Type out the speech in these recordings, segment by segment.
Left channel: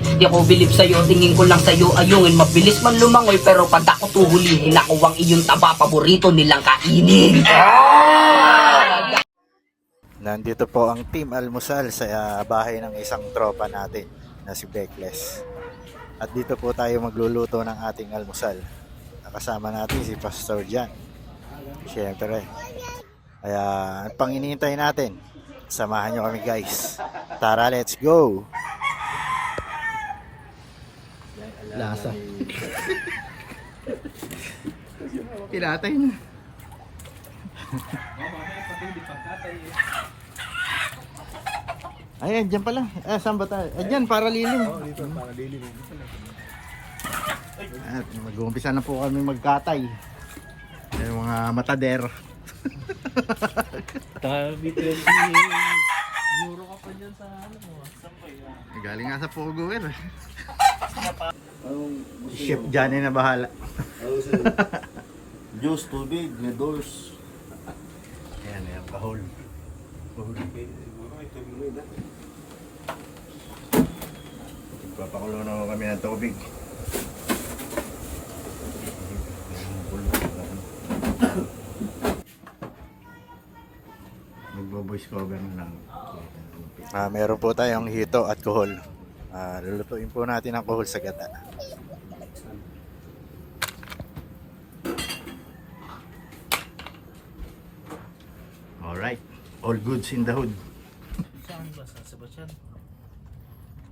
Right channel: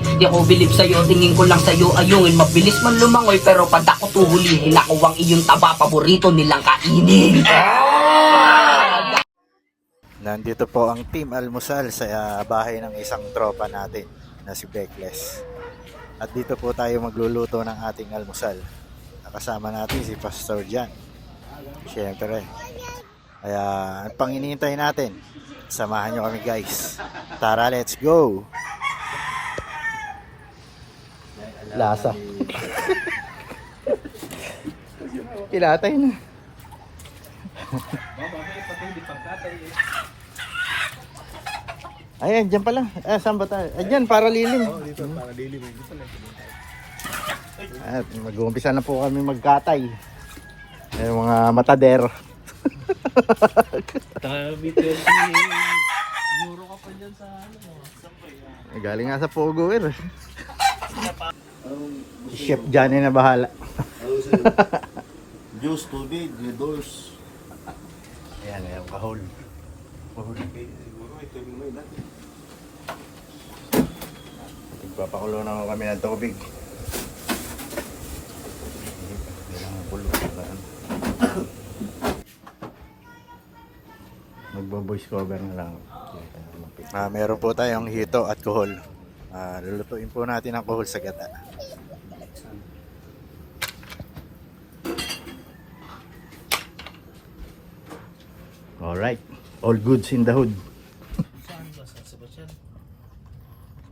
Di ako bilib sa'yo, tingin ko lang sa'yo ayungin. Mabilis man lumangoy pero pag ako tuhulihin, ako ang iyong taba, paborito nilang kainin. Nandito po ang Team Almusal sa bahay ng isang tropa natin na si Beckless. At dito po tayo magluluto ng ating almusal. Nakasama natin si Pastor Jan. Siyempre. Kaya ang pang iniintay natin, samahan nyo kami guys. Tara, let's go! Lasa. Kinatay na. Ayan, dyan pala. Saan ba tayo? Ayan, para lilim. At mag-uumpisa na po kami magkatay. Ayan, mga matader. Euro ka pa dyan sa ano mo. Galing nga sa Pogo eh. Chef Johnny na bahala. Juice, tubig, noodles. Ayan, ayan, kahol. Nagpapakulo na kami ng tubig. Magbo-voice cover na lang. Meron po tayong hito at kohol. Lulutuin po natin ang kohol sa gata. Alright, all goods in the hood. Saan ba? Sa Basyan?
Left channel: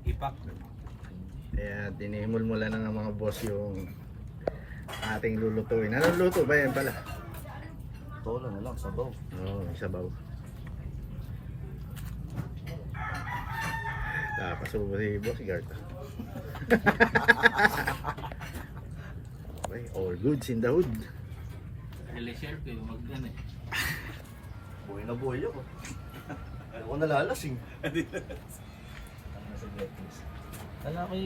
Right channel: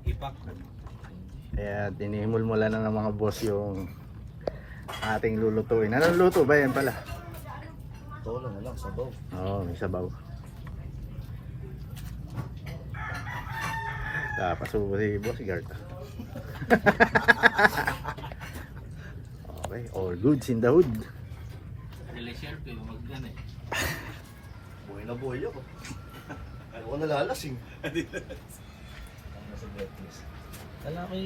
Ipak. Kaya dinihimul-mula na ng mga boss yung ating lulutuin. Anong luto ba yan pala? Tola na lang, sabaw. Oo, may sabaw. Pasubo si Bossgard. Okay, all goods in the hood. Nile-share ko yung mag-gan eh. Buhay na buhay ako. Ayaw ko nalalasing. Lalaki,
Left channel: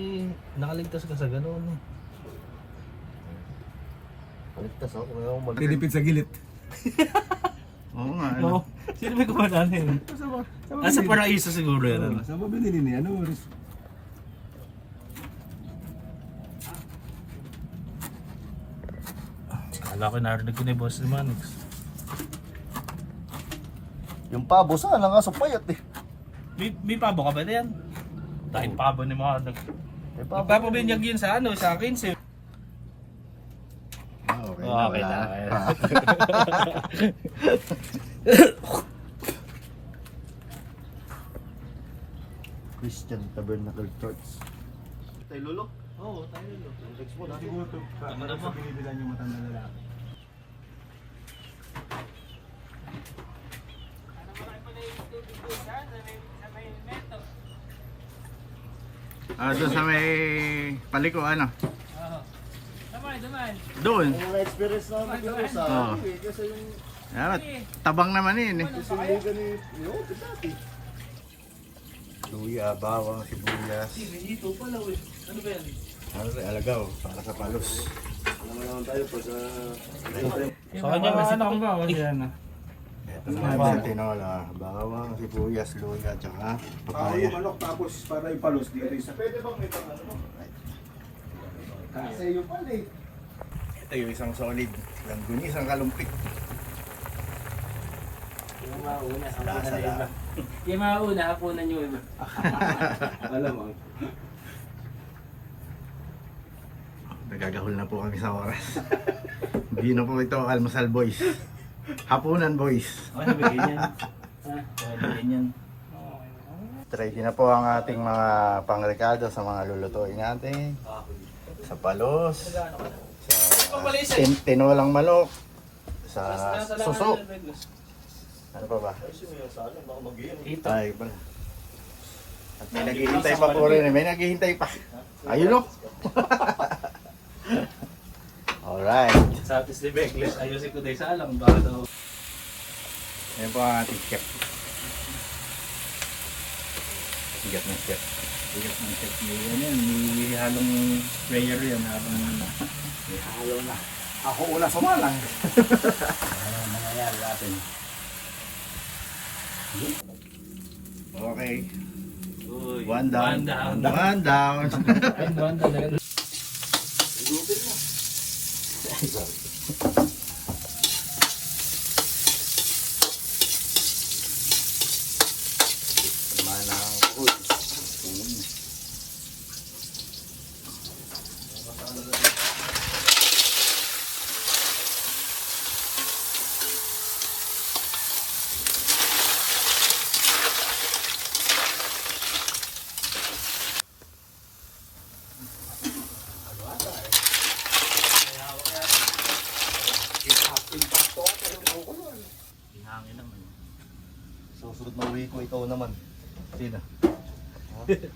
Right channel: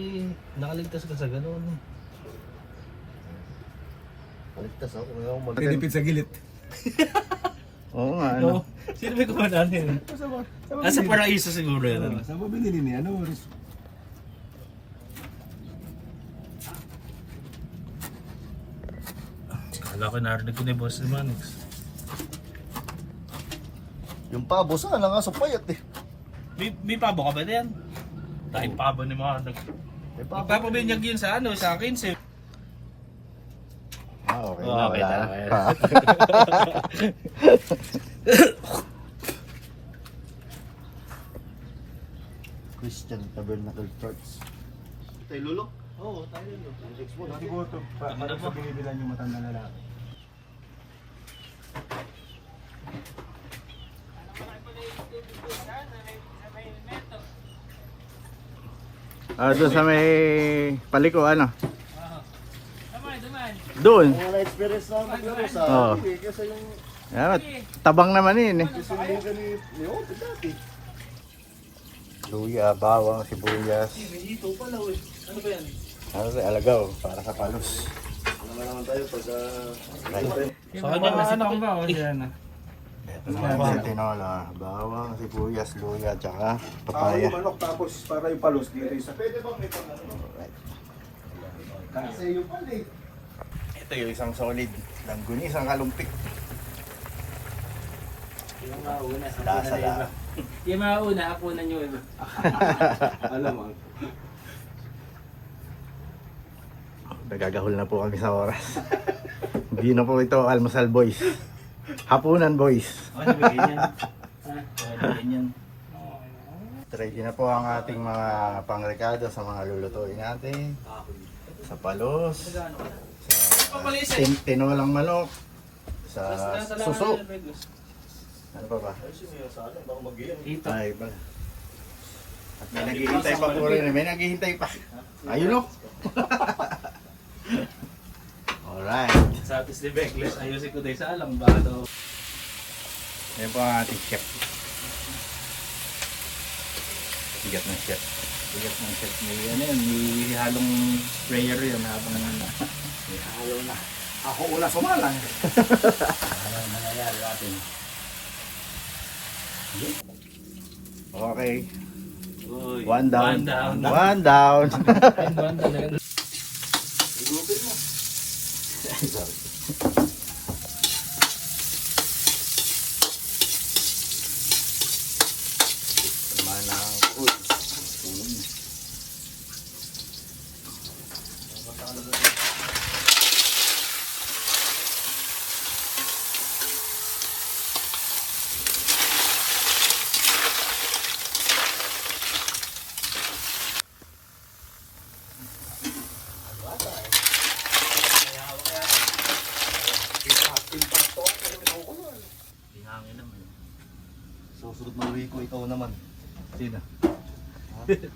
nakaligtas ka sa gano'n eh. Paligtas ako. Ayaw ko mag- Tinipid sa gilid. Oo nga, ano? Sino may kumanan yun? Sa paraiso siguro yun. Saan ba binili niya? Ano oras? Kala ko narinig ko na yung boss naman. Yung pabo sana nga sa payat eh. May pabo ka ba na yan? Dahil pabo ni mga May pabo. nagpapabinyag yun sa ano, sa akin si... Okay, Okay wala. na. Christian Tabernacle Church. Tayo lulo? Oo, tayo lo. Siguro ito, para sa binibilan yung matanda lalaki. Doon sa may paliko, ano? Damay. Doon. Ang na-experience na maglaro sa Oo. kasi yung Yan, tabang naman yun eh. sisindigan ni Ote dati. Luya, bawang, sibuyas. Dito pala eh. Ano ba yan? Ano sa alagaw, para sa palos. Naman tayo pag Sa kanya ano ba? Kasi yan ah. Ito naman sa tinola, bawang, sibuyas, luya, tsaka papaya. Manok tapos para yung palos dito isa. Pwede bang ito? Kasi yung pala eh. Ito yung isang solid langgunis, ang kalumpik. Yung mauna sa Lasa lang. Yung mauna, hapunan nyo ito. Alam mo. Nagagahol na po kami sa oras. Hindi na po ito almusal boys. Hapunan boys. Ano ba ganyan? Ganyan. Ready na po ang ating mga pangrekado sa mga lulutuin natin. Sa palos, sa tinolang manok, sa suso. Ano ba ba? Ito. Ay, ba? At may naghihintay pa po rin. May naghihintay pa. Ayun o. Alright. Sa atis ni Beckless, ayusin ko tayo sa alam ba ito? Yan po ang ating chef. Bigat ng chef. Bigat ng chef. Yan, may halong player yun habang may halo na. Ako una sumalang. Ano ang mangyayari natin? Okay. One down. One down. One down. Manang food. Hangin naman. Susunod na uwi ko, ikaw naman. Sino? Ayan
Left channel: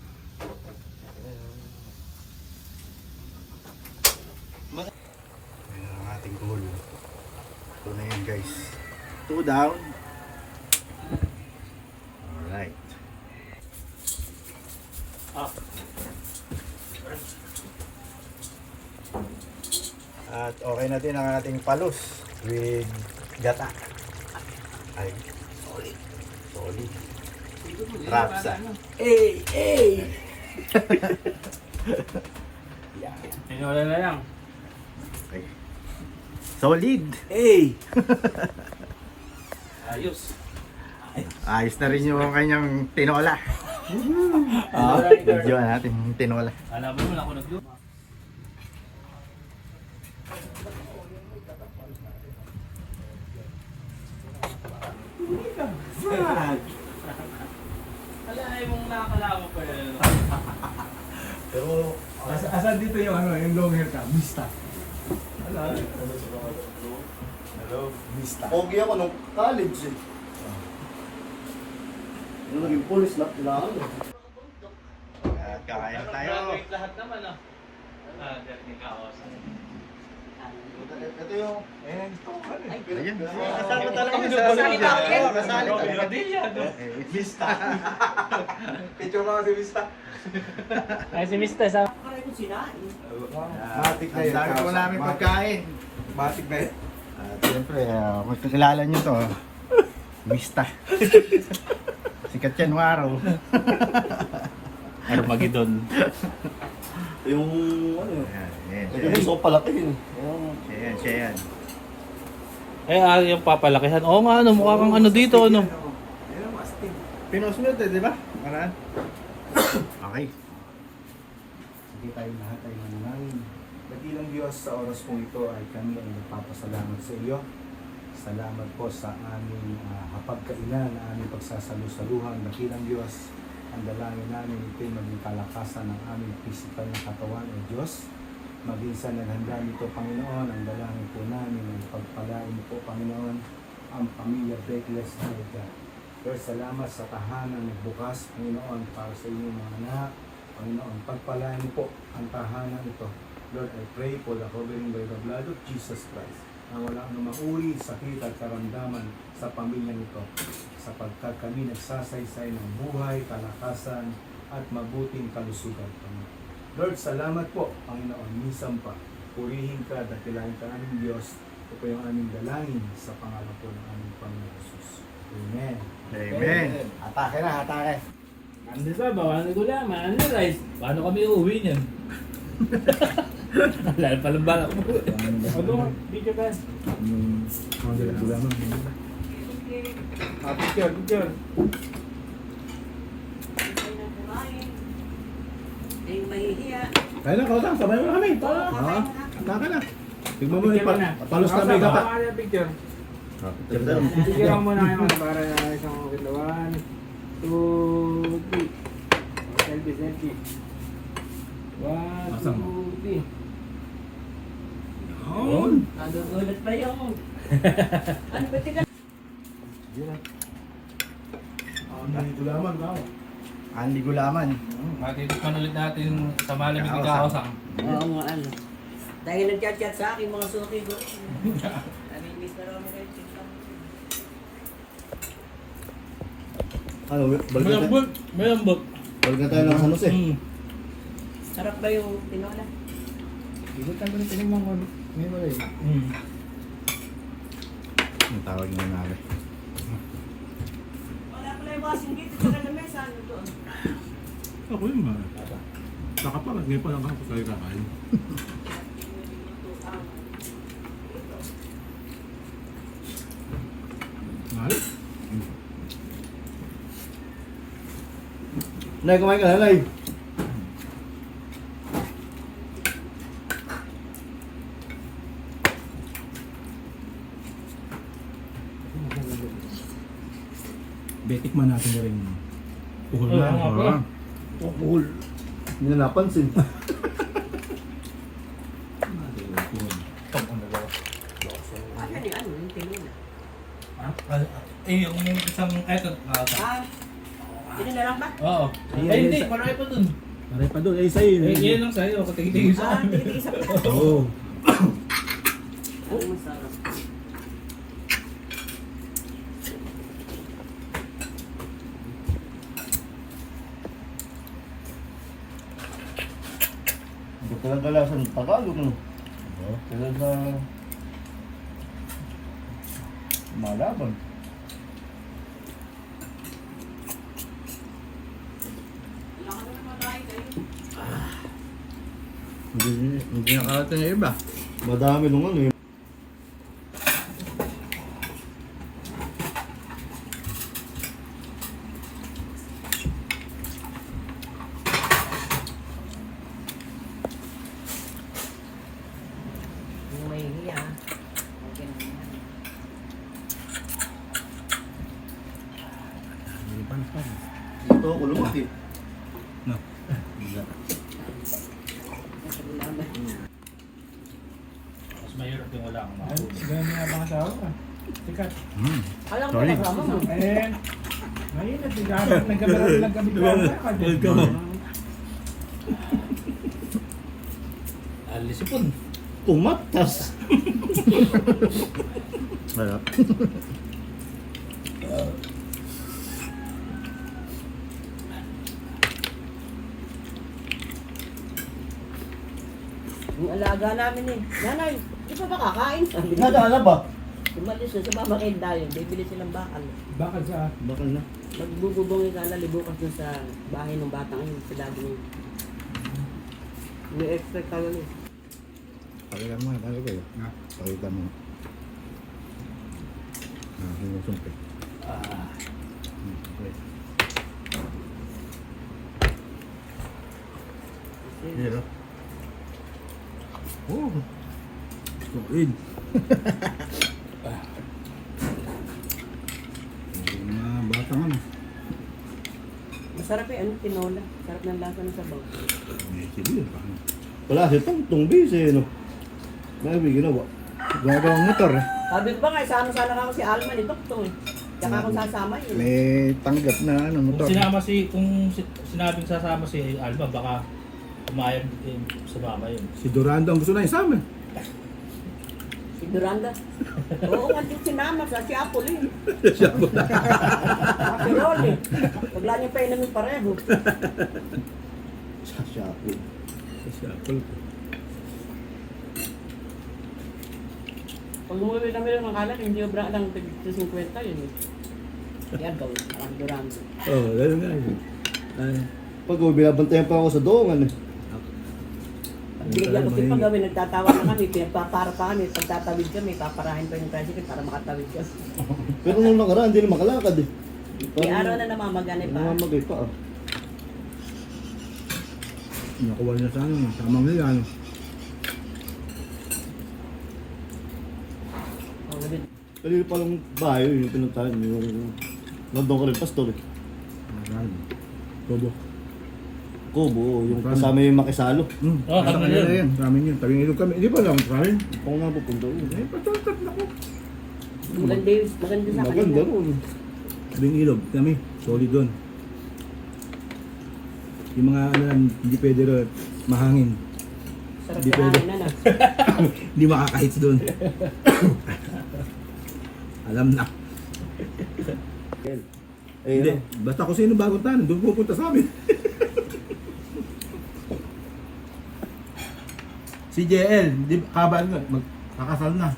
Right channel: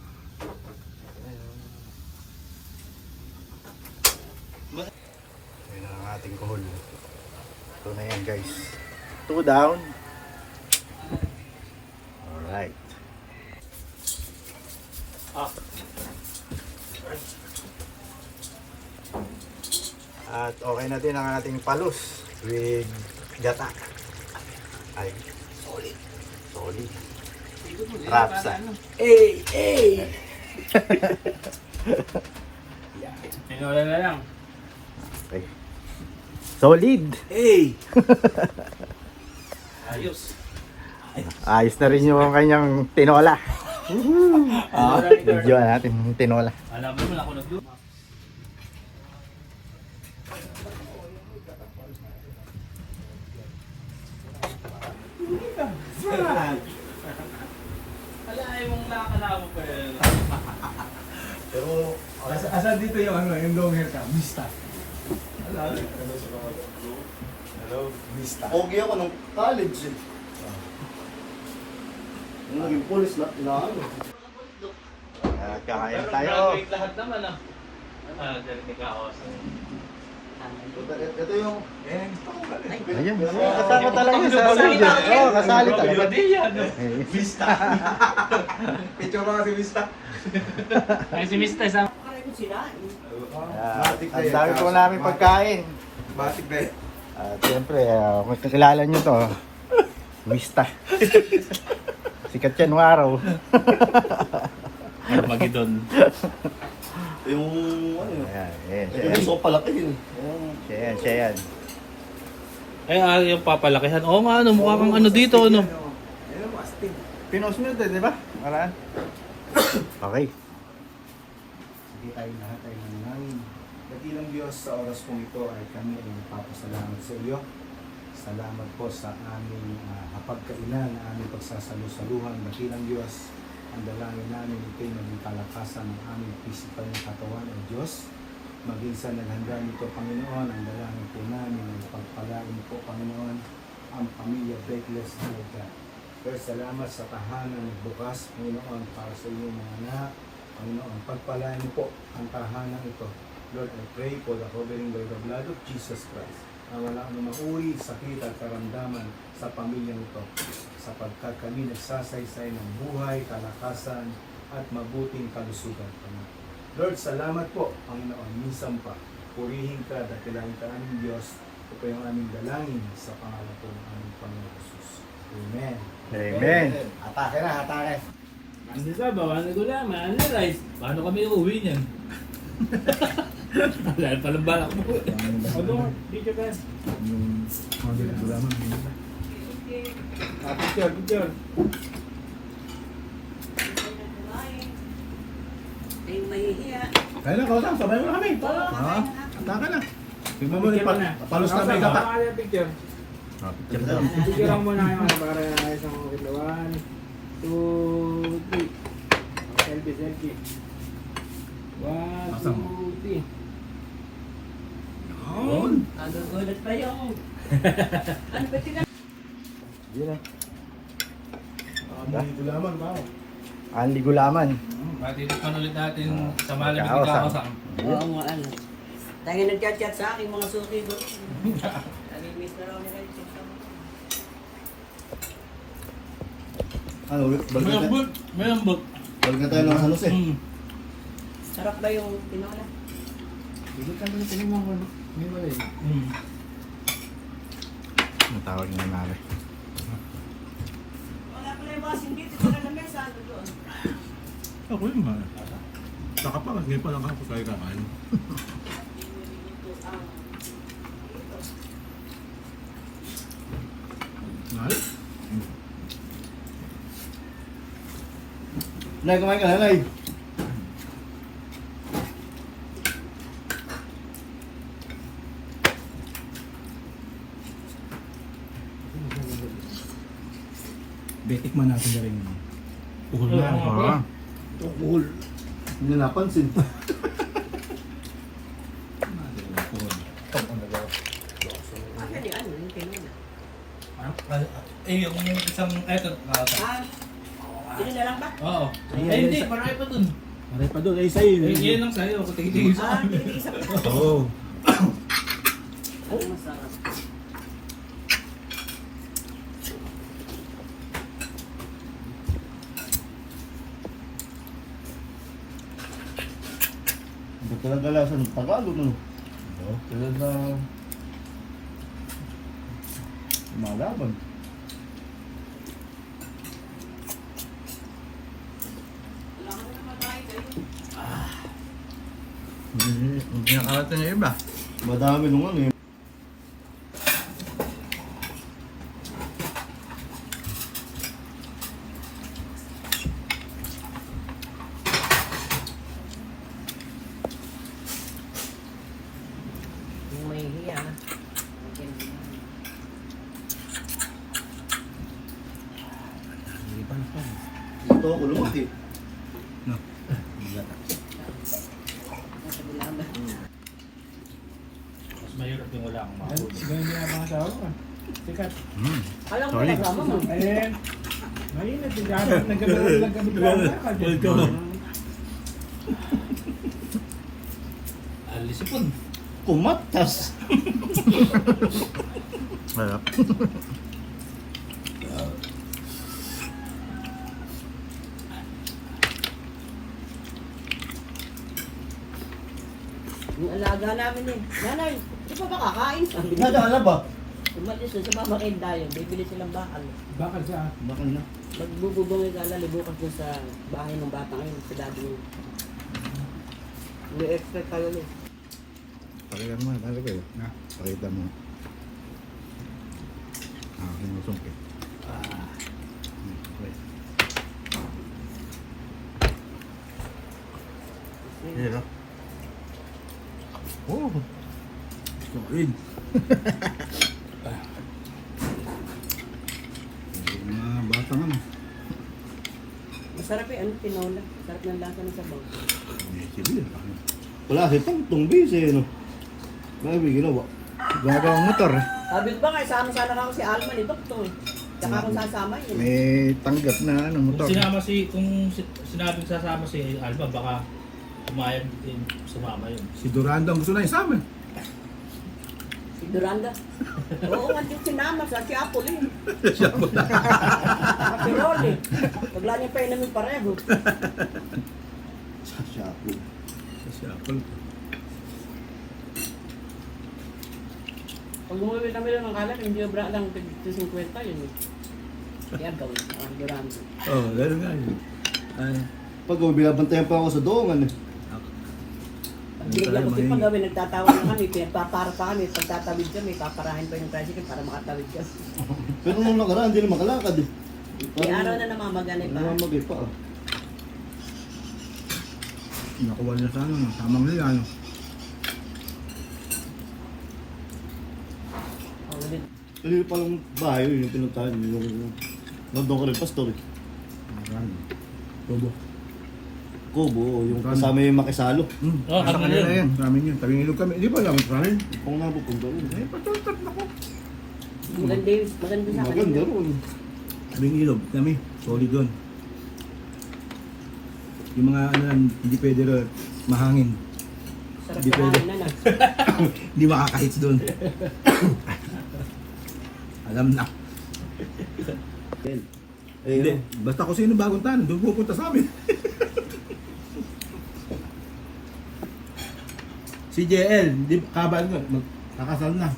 ang ating kuhol. Ito na yan guys. 2 down. Alright. At okay na din ang ating palus with gata. Ay, solid. Solid. Rapsa. Tinola na lang. Okay. Solid. Hey. Ayos. Ayos na rin yung kanyang tinola. Video natin yung tinola. Alam mo na ako nag Wala yung makakalawak pa yun. Pero, Asan dito yung ano, yung long hair ka? Mista. Hello, Mista. pogi ako nung college eh. Nung naging police na, kailangan eh. Kakain tayo. Graduate lahat naman ah. Darating ka ako sa... Ito yung... Ayan. Kasama talaga yun. Kasali ba ako yan? Oo, kasali talaga. Hindi yan. Vista. Picture ka kasi Vista. Ay si Mr. sa... Ang dami po namin pagkain. Matik na yun. At siyempre, magkakilala nyo to. Mista. Sikat yan ng araw. Armageddon. Yung... ano Ayan, ayan, siya Yung yan. so palaki yun. Siya yan, siya yan. Ay, yung papalakihan. Oo nga, ano, mukha kang ano dito, ano. Ayan ang astig. Pinos mo ito, di ba? Maraan. Okay. Sige tayo lahat ay nananangin. Dakilang Diyos, sa oras po ito ay kami ay nagpapasalamat sa iyo. Salamat po sa aming hapagkainan, na aming pagsasalusaluhan. Dakilang Diyos, ang dalangin namin ito'y maging kalakasan ng aming physical na katawan o Diyos. Maging sa naghanda nito, Panginoon, ang dalangin po namin, ang pagpalain po, Panginoon, ang pamilya Breakless Halaga. Lord, salamat sa tahanan bukas, Panginoon, para sa inyong mga anak. Panginoon, pagpalain po ang tahanan ito. Lord, I pray for the covering by the blood of Jesus Christ, na wala anumang uri, sakit at karamdaman sa pamilya nito, sapagkat kami nagsasaysay ng buhay, kalakasan, at mabuting kalusugan. Lord, salamat po, Panginoon, minsan pa, purihin ka, dakilain ka aming Diyos. Ito po yung aming dalangin sa pangalan po ng aming Panginoon Jesus. Amen. Amen. Atake na, atake. Ano sa bawa na gulaman, ano rice? Paano kami uuwi niyan? Wala palang balak mo. Ano, picture guys. Picture. Yung nahihiya. Kaya na, kausap, sabay mo na kami. Atake na. Tignan mo, palos ka may gapat. Picture. Picture Picture mo na yung para isang kiluan. 2, 3. Selfie. 1, 2, 3. Ano ulit pa yun? Ano ba tingnan? Yun na. Dito lamang tao. Anli gulaman. Matitikman ulit natin sa malamig Kaosang. na kaosang. Oo nga ano. Dahil nag-chat-chat sa akin mga suki ko. Nami-miss na raw nila yung chat kami. Ano, Malambot. balikan tayo ng San Jose. Sarap ba yung tinola? Dito tayo tingnan mo. Tawag mo na. Wala pala yung mga singgit. Ito na lang may saan doon. Ako yung mga. Nakapagay pa naman sa kakain. Nay, kumain ka na, Nay. Betik man natin na rin. Uhol na. Oo, Buhol. Hindi na napansin. Yung isang eto. Yun na lang ba? Oo. Ay, hindi. Marami pa dun. Maray pa doon. Ay, sa'yo. Yan lang sa'yo. Katigil sa akin. Oo. Ano masarap? Hindi ko lang kalasan Tagalog, no? Sila na... Malaban. Hindi nakalata yung iba. Madami nung ano, yung... Yung may hiya. Ito ako lumaki. Mas mahirap yung wala akong makahuli. Ganyan niya ang asawa. Sikat. Alam mo, Solid. kasama mo. Eh, mainit. Nagkamaroon lang kami lang. Alisipon. Kumatas. Yung alaga namin eh. Nanay, di pa ba kakain? Sabi niya. Nadaan na ba? Umalis na sa mamakin tayo. Bibili silang bakal. Bakal sa... Bakit na? Nagbububong yung kala libukas dun sa bahay ng bata ngayon. Sa dabo ngayon. May expect tayo eh. Talaga mo, ano kayo? Ha? Talaga mo. Ang sumpi. Okay. Hirap. Oh. Solid. Mga bata nga. Masarap eh. Ano tinola? Sarap ng lasa ng sabaw. Sige. Wala si Tong busy, no? Bakit may ginawa? Gagawa ang motor. Sabi ko ba nga, sama-sana ako si Alman eh. Doktor. Tsaka akong sasama yun. May tanggap na ano motor. Kung sinabing sasama si Alba, baka umayag din sumama yun. Si Durando ang gusto na isama eh. Si Duranda. Oo, andun sinama sa si Apple eh. Si Rolly. Pagla niya pa yun namin pareho. Si Apple. Pag umuwi kami lang ng kalat, hindi obra lang 50 yun eh. Kaya gawin, ang Duranda. Oo, gano'n nga yun. Pag binabantayan pa ako sa doongan, eh. Pag binigyan ko si Pagawin, nagtatawa na kami, pinagpapara pa kami, pagtatawid kami, paparahin pa yung tricycle para makatawid ka. Pero nung nakaraan, hindi na makalakad, eh. May araw na namamaganay pa. Namamagay pa, ah. Nakuha na sa ano, masamang nila ano. Oo, din. Kanina pa lang bahay, yung pinuntahan niyo, yung... Nandun ko rin, pastor, eh. Marami. Tobo. Kubo, yung kasama yung makisalo. Oo, kami na yun. Kami yun. Tabing ilog kami. Di ba lang try? Kung nga pupunta yun. Eh, patutat na ko. Maganda yun, maganda sa akin. Maganda rin. Tabing ilog kami. Solid doon. Yung mga ano lang, hindi pwede rin mahangin. Sarap Di na pwede. kain na. Hindi makakahits doon. Alam na. Eh, Hindi. Basta kung sino bagong tanan, doon pupunta sa amin. Si JL, di kabal nga, magkakasal na.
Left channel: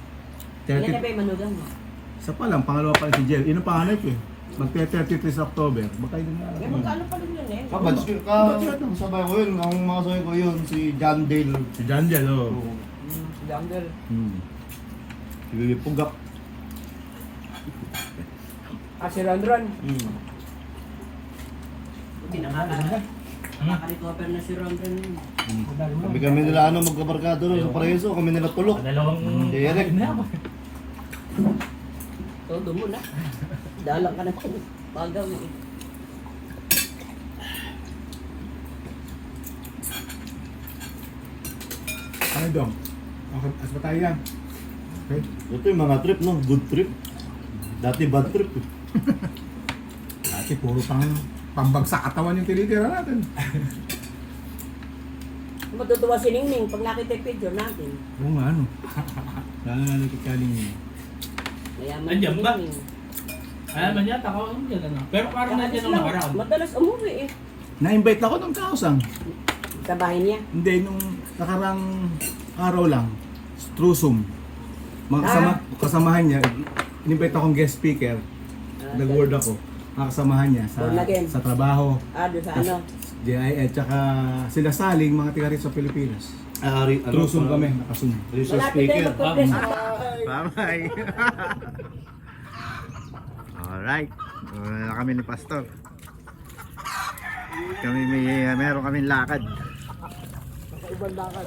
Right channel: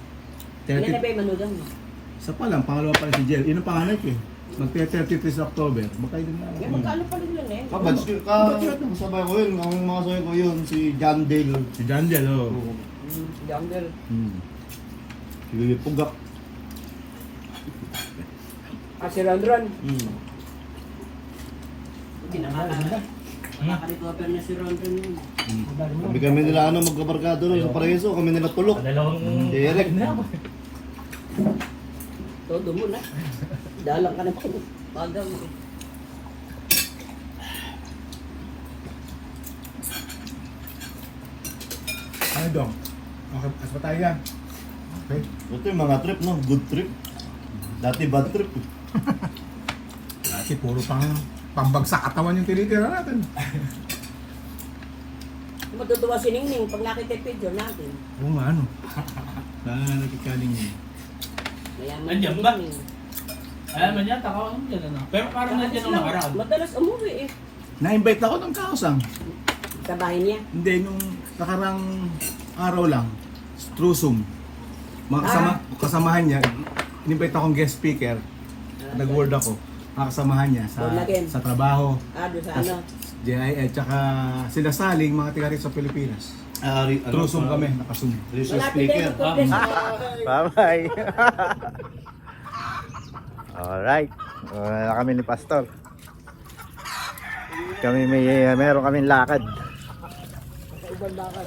Ilan na 30. ba yung manugang mo? Isa pa lang, pangalawa pa lang si JL. Yun ang panganay ko eh. magte-33 sa October. Baka yun na. Magkano pa rin yun eh? Kasabay ko yun, ang mga sabay ko yun, si John Dale. Si Daniel, oh. Jungle. Si Pugap. Si Ron Ron. Hmm. Nakakalitwaper na si Ron Ron yun. Kami nila magkabarkado rin sa Paraíso, kami nila tulok. Dalawang Si Eric. Todo mo na. Dalang ka na po. Baga mo. Ano dong? As pa tayo yan. Okay. Ito yung mga trip, no? Good trip. Dati bad trip. Kasi puro pambagsak katawan yung tinitira natin. Matutuwa si Ningning pag nakita yung picture natin. Oo nga, ano. Lalo na natikaling yun. Mayaman Nandiyan si ba? Ningning. Alam mo niya, takaw mo dyan ano. Pero parang nandiyan nung nakaraan. Madalas umuwi eh. Na-invite ako ng kausang. Sa bahay niya. Hindi, nung nakarang araw lang, through Zoom. Kasamahan niya, in-invite akong guest speaker. Nag-word ako. Mga kasamahan niya Born again. sa trabaho. Doon sa ano. at saka sila saling mga tiga rito sa Pilipinas. Through Zoom kami, naka-Zoom. Resource Malapit speaker. tayo magpa-press. Bye-bye. Alright. Wala na kami ni Pastor. Kami meron kaming lakad. Sa ibang bakal.